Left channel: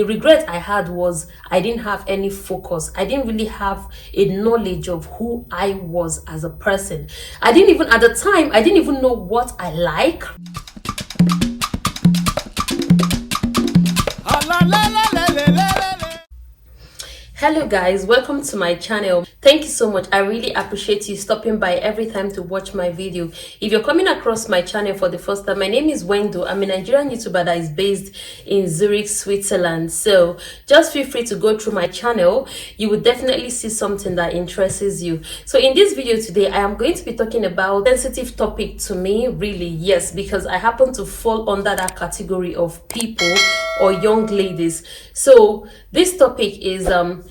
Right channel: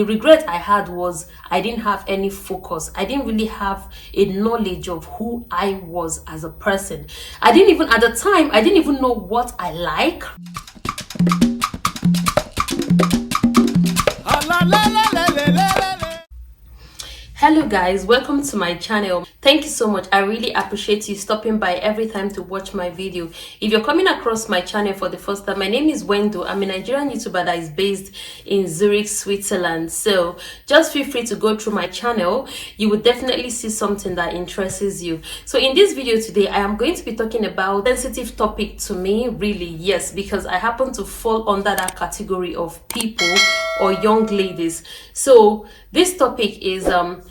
The regret I had was I didn't have any focus. I didn't really have a knowledge of who I was as a person. At the time, I didn't even know what I like. Hello guys, welcome to my channel. Thank you so much. I really appreciate you stopping by every time to watch my video. If you're coming across my channel for the first time, my name is Wendu. I'm a Nigerian YouTuber that is based in Zurich, Switzerland. So just feel free to go through my channel. You will definitely see something that interests you. So in this video today, I am going to be talking about a sensitive topic to me, really, yes, because I happen to fall under that category of people or young ladies. So this topic is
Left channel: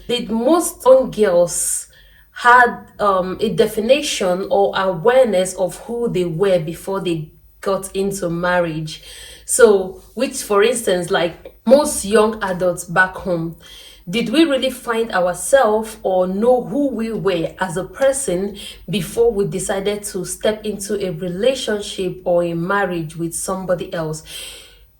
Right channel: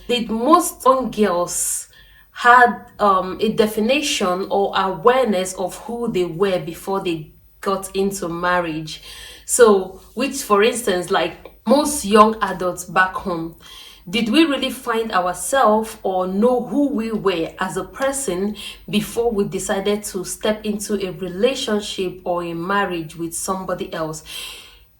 did most young girls had a definition or awareness of who they were before they got into marriage? So, which, for instance, like most young adults back home, did we really find ourselves or know who we were as a person before we decided to step into a relationship or a marriage with somebody else?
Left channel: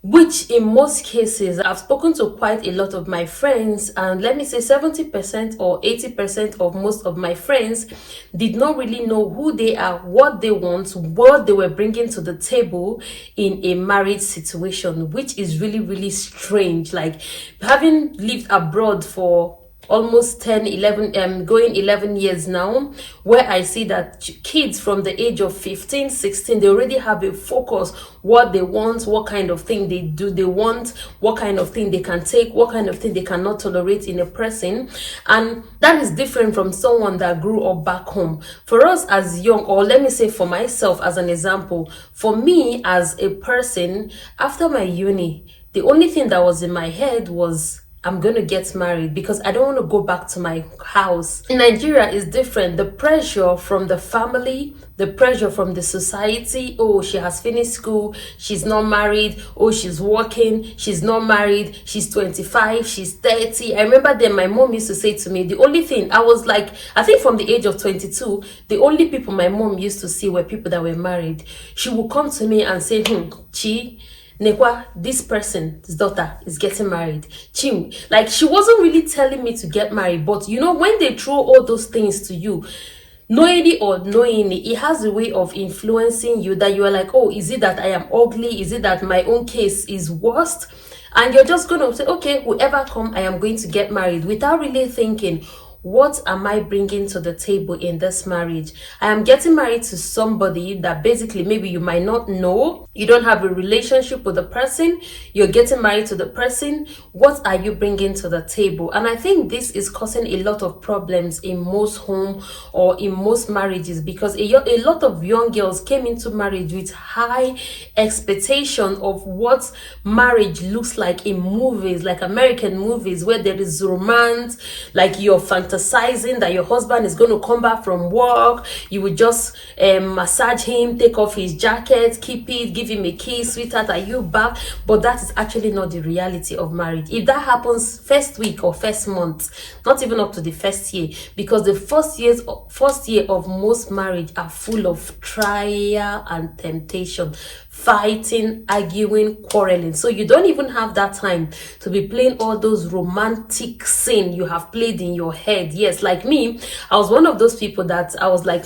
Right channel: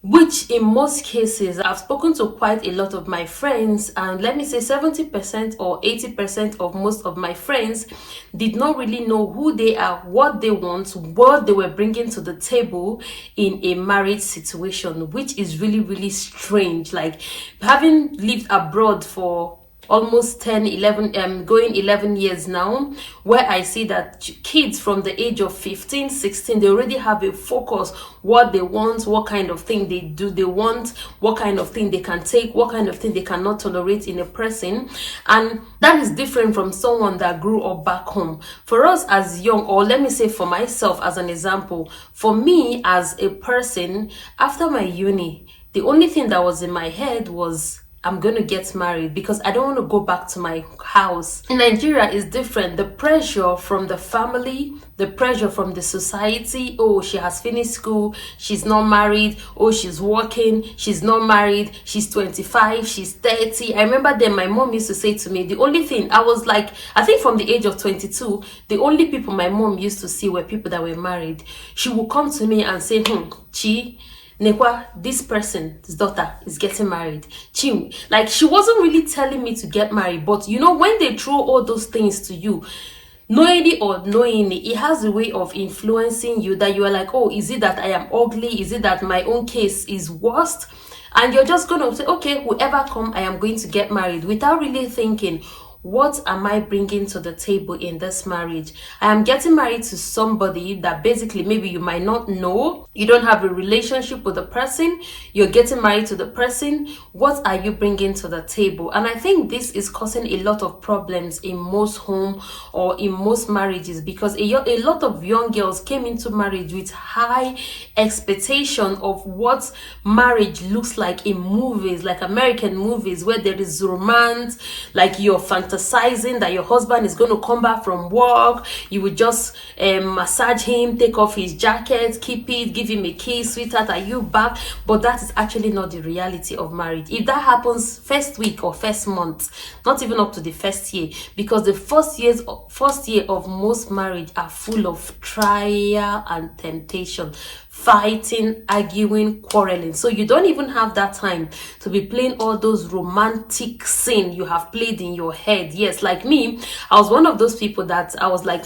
Which in most cases, I've spoken to quite a lot of my friends, and let me say 70% or 80% of most of my friends did not really know who they are, what they want, what they were bringing to the table in a marriage situation, which is really, really strange. Like, having lived abroad for almost going 11 years now, where I see that kids from the age of 15, 16, they already have a focus, what they want, what kind of thing they want, what kind of thing they can take, what kind of thing they cannot tolerate in a person. And that is different from someone that grew up back home. For us as young, or let me say for myself as an example, for me as a person, after my uni, the only thing that was in my head was, I'm going to get married because I don't want to go back to my house. In Nigeria is different. The pressure from the family, the pressure from the society. Oh, she has finished school. She's not married. Oh, she's working. She's not married. She's 25. She's 30. I remember then my mom used to say to me, the only thing I was like, I think from the age of 22, the only people my mom used to see were people that were married. She would come to me and say, Chi, Nekwa, this person's daughter is getting married. Chim, like, she wasn't really telling me to get married, but you know, when they throw all those things to you, knowingly or unknowingly, it has a way of influencing you that you are like, oh, is it that I am ugly? Is it that my own case is worst? And you're just going to say, okay, whoever come, I am going to get married, without really thinking, what am I bringing to the table in this marriage? I am getting married to somebody that basically maybe you might not know. You don't have a relationship with the person. You're getting married to the person. What are you bringing to the table? And I think this is causing a lot of problems in most home or in most marriages, because a lot of young girls came into marriage with high expectation of what marriage looks like in movies, like American movies, where there is romance, like you're fantasizing that your husband is going to come back from work, you would just massage him, take off his jacket, keep it, give him a kiss, sweetheart, are you back? But that is actually not the reality of marriage. If that happens first week or first month, not even up to the first year, because the first year of most marriage are full of trial and temptation, fighting, arguing, quarreling. So you don't even have that time to be playing all those romantic scenes you have played in your head. Yes, like me, I was one of those people that I was like,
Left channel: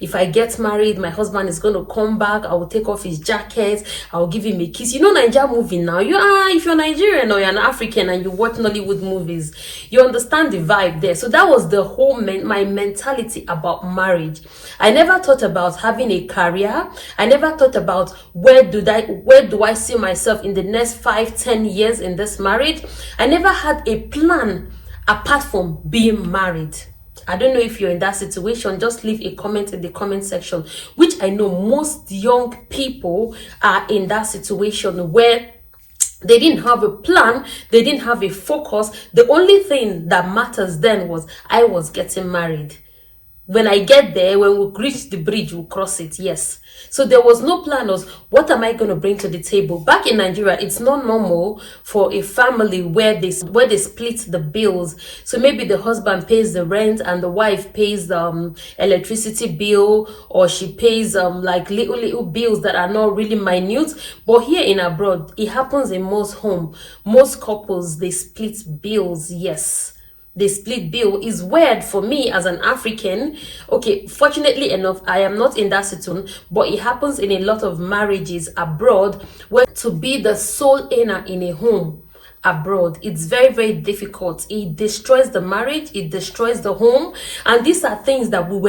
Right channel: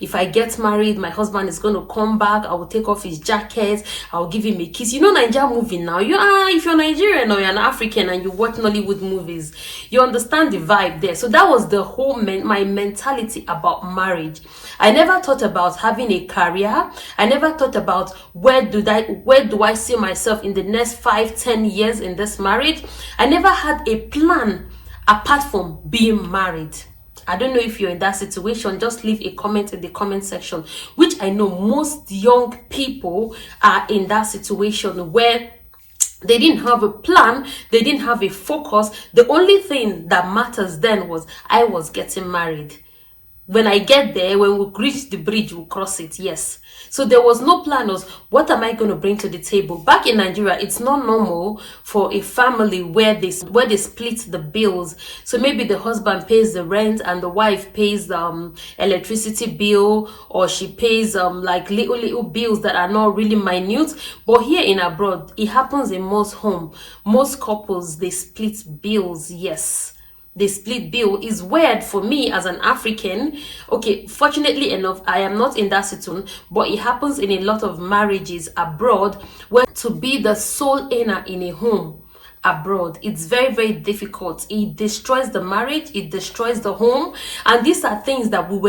if I get married, my husband is going to come back, I will take off his jacket, I will give him a kiss. You know, Nigerian movie now, if you're Nigerian or you're an African and you watch Nollywood movies, you understand the vibe there. So that was the whole my mentality about marriage. I never thought about having a career. I never thought about where do I see myself in the next 5-10 years in this marriage. I never had a plan apart from being married. I don't know if you're in that situation. Just leave a comment in the comment section, which I know most young people are in that situation where they didn't have a plan, they didn't have a focus. The only thing that matters then was I was getting married. When I get there, when we reach the bridge, we'll cross it. Yes. So there was no plan of what am I going to bring to the table. Back in Nigeria, it's not normal for a family where they split the bills. So maybe the husband pays the rent and the wife pays the electricity bill, or she pays like little bills that are not really minute. But here in abroad, it happens in most home. Most couples, they split bills. Yes. The split bill is weird for me as an African. Okay, fortunately enough, I am not in that situation, but it happens in a lot of marriages abroad, where to be the sole earner in a home abroad, it's very, very difficult. It destroys the marriage, it destroys the home. And these are things that we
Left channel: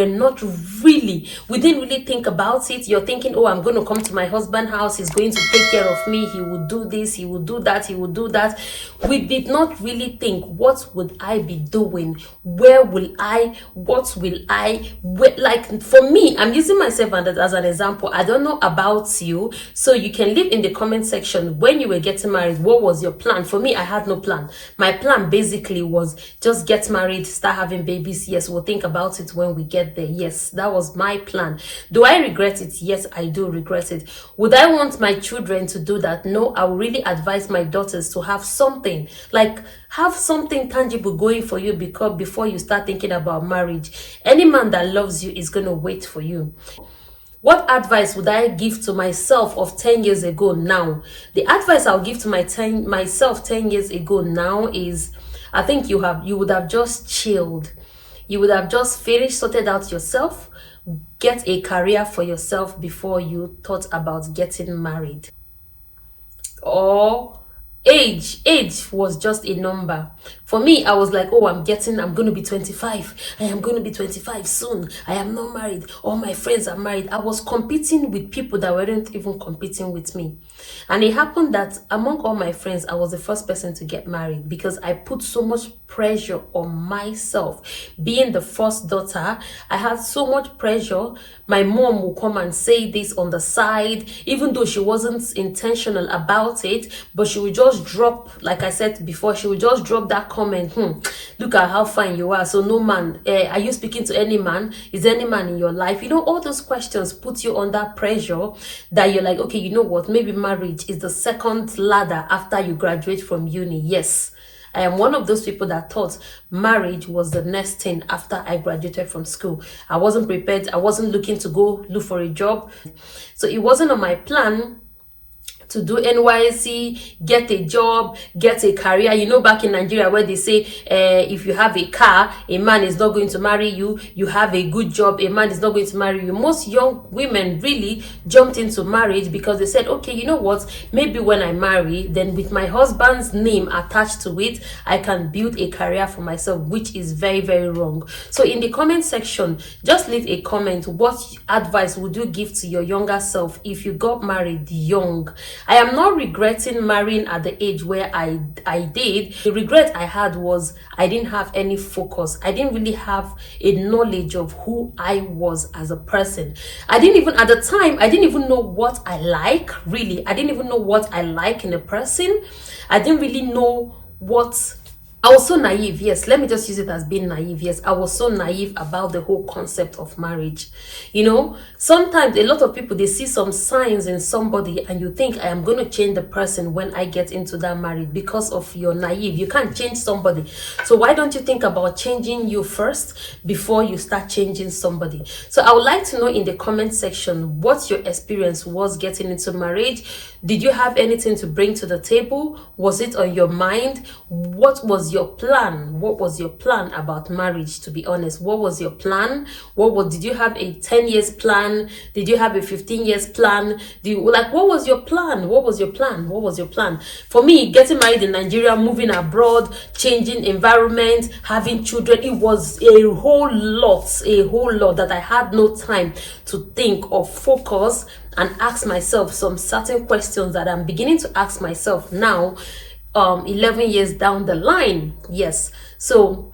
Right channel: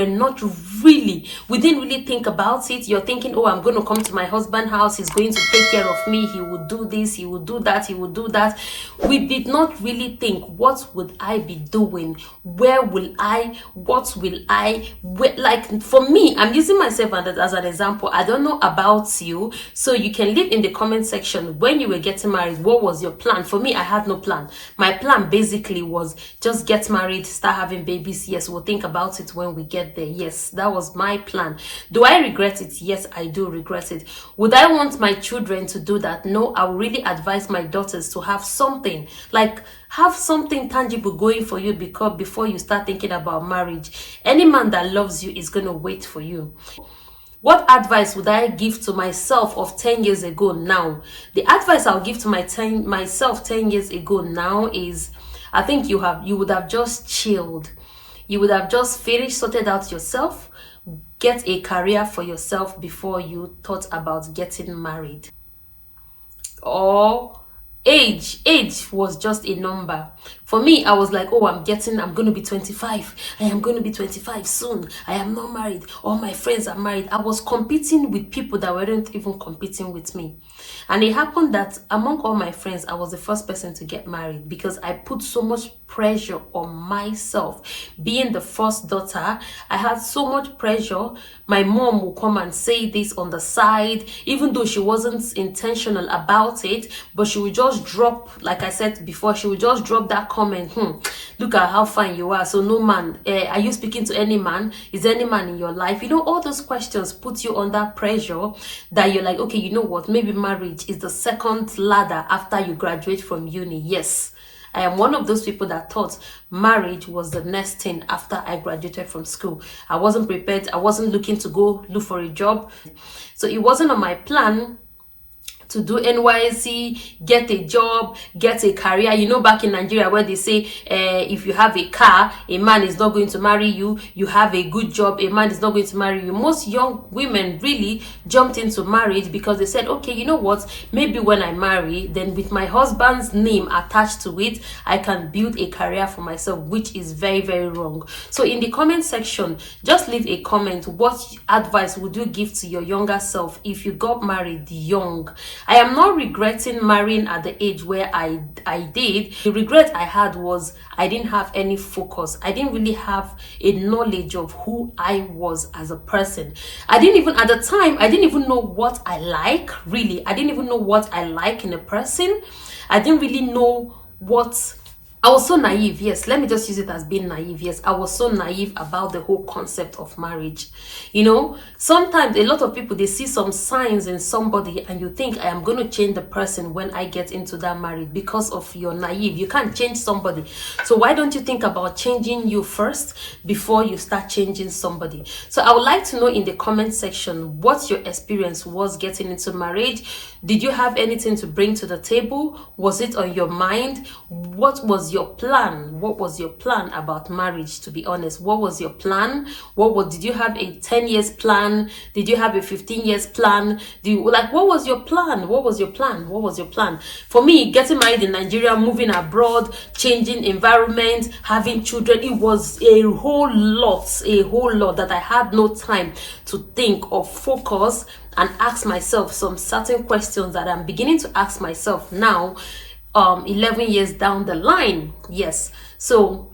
didn't really think about it. You're thinking, oh, I'm going to come to my husband's house, he's going to take care of me, he will do this, he will do that, he will do that. We did not really think, what would I be doing? Where will I, what will I, like for me, I'm using myself as an example. I don't know about you, so you can leave in the comment section, when you were getting married, what was your plan? For me, I had no plan. My plan basically was just get married, start having babies. Yes, we'll think about it when we get there. Yes, that was my plan. Do I regret it? Yes, I do regret it. Would I want my children to do that? No, I would really advise my daughters to have something, like have something tangible going for you, because before you start thinking about marriage. Any man that loves you is going to wait for you. What advice would I give to myself of 10 years ago now? The advice I'll give to myself 10 years ago now is, I think you would have just chilled. You would have just finished, sorted out yourself, get a career for yourself before you thought about getting married. Or age was just a number. For me, I was like, oh, I'm going to be 25. I am going to be 25 soon. I am not married. All my friends are married. I was competing with people that weren't even competing with me. And it happened that among all my friends, I was the first person to get married, because I put so much pressure on myself. Being the first daughter, I had so much pressure. My mom will come and say this on the side, even though she wasn't intentional about it, but she would just drop, like I said before, she would just drop that comment, look at how fine you are, so no man, are you speaking to any man? Is there any man in your life? You know, all those questions put you under pressure, that you're like, okay, you know what, maybe marriage is the second ladder after you graduate from uni. Yes, I am one of those people that thought marriage was the next thing after I graduated from school. I wasn't prepared. I wasn't looking to go look for a job. So it wasn't on my plan to do NYSC, get a job, get a career. You know, back in Nigeria where they say, if you have a car, a man is not going to marry you. You have a good job, a man is not going to marry you. Most young women really jumped into marriage because they said, okay, you know what? Maybe when I marry, then with my husband's name attached to it, I can build a career for myself, which is very, very wrong. So in the comment section, just leave a comment. What advice would you give to your younger self if you got married young? I am not regretting marrying at the age where I did. The regret I had was I didn't have any focus. I didn't really have a knowledge of who I was as a person. At the time, I didn't even know what I like, really. I didn't even know what I like in a person. I didn't really know what... I was so naive. Yes, let me just use it as being naive. Yes, I was so naive about the whole concept of marriage. You know, sometimes a lot of people, they see some signs in somebody and you think, I am going to change the person when I get into that marriage, because of your naive. You can't change somebody. So why don't you think about changing you first before you start changing somebody? So I would like to know in the comment section what your experience was getting into marriage. Did you have anything to bring to the table? Was it on your mind? What was your plan? What was your plan about marriage, to be honest? What was your plan? Did you have a 10 years plan? Did you have a 15 years plan? What was your plan? What was your plan? What was your plan? For me, getting married in Nigeria, moving abroad, changing environment, having children, it was a whole lot that I had no time to think or focus and ask myself some certain questions that I'm beginning to ask myself now, 11 years down the line. Yes, so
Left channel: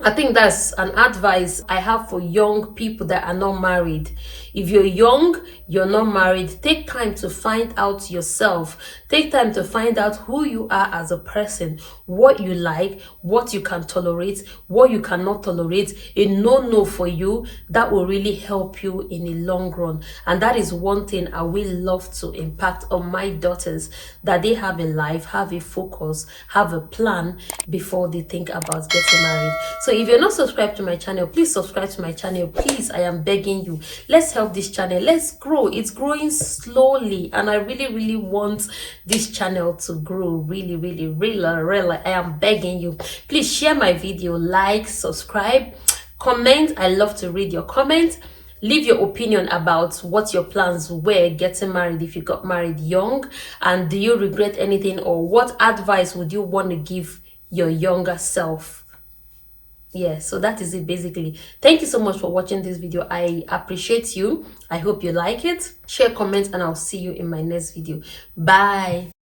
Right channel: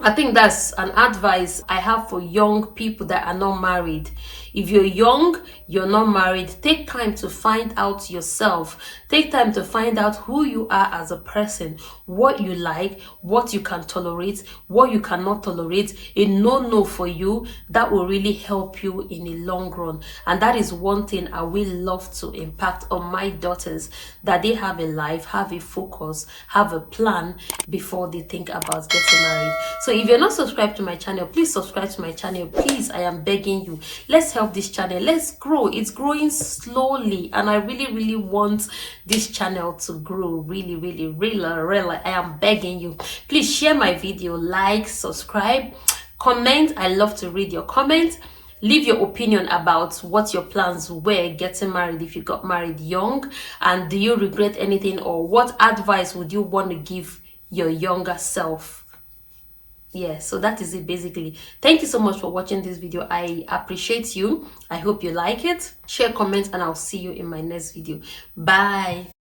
I think that's an advice I have for young people that are not married. If you're young, you're not married, take time to find out yourself. Take time to find out who you are as a person, what you like, what you can tolerate, what you cannot tolerate, a no for you. That will really help you in the long run. And that is one thing I will love to impact on my daughters, that they have a life, have a focus, have a plan before they think about getting married. So if you're not subscribed to my channel, please subscribe to my channel. Please, I am begging you. Let's help this channel. Let's grow. It's growing slowly, and I really want this channel to grow really. I am begging you. Please share my video, like, subscribe, comment. I love to read your comments. Leave your opinion about what your plans were getting married, if you got married young, and do you regret anything, or what advice would you want to give your younger self? Yeah, so that is it basically. Thank you so much for watching this video. I appreciate you. I hope you like it. Share, comment, and I'll see you in my next video. Bye.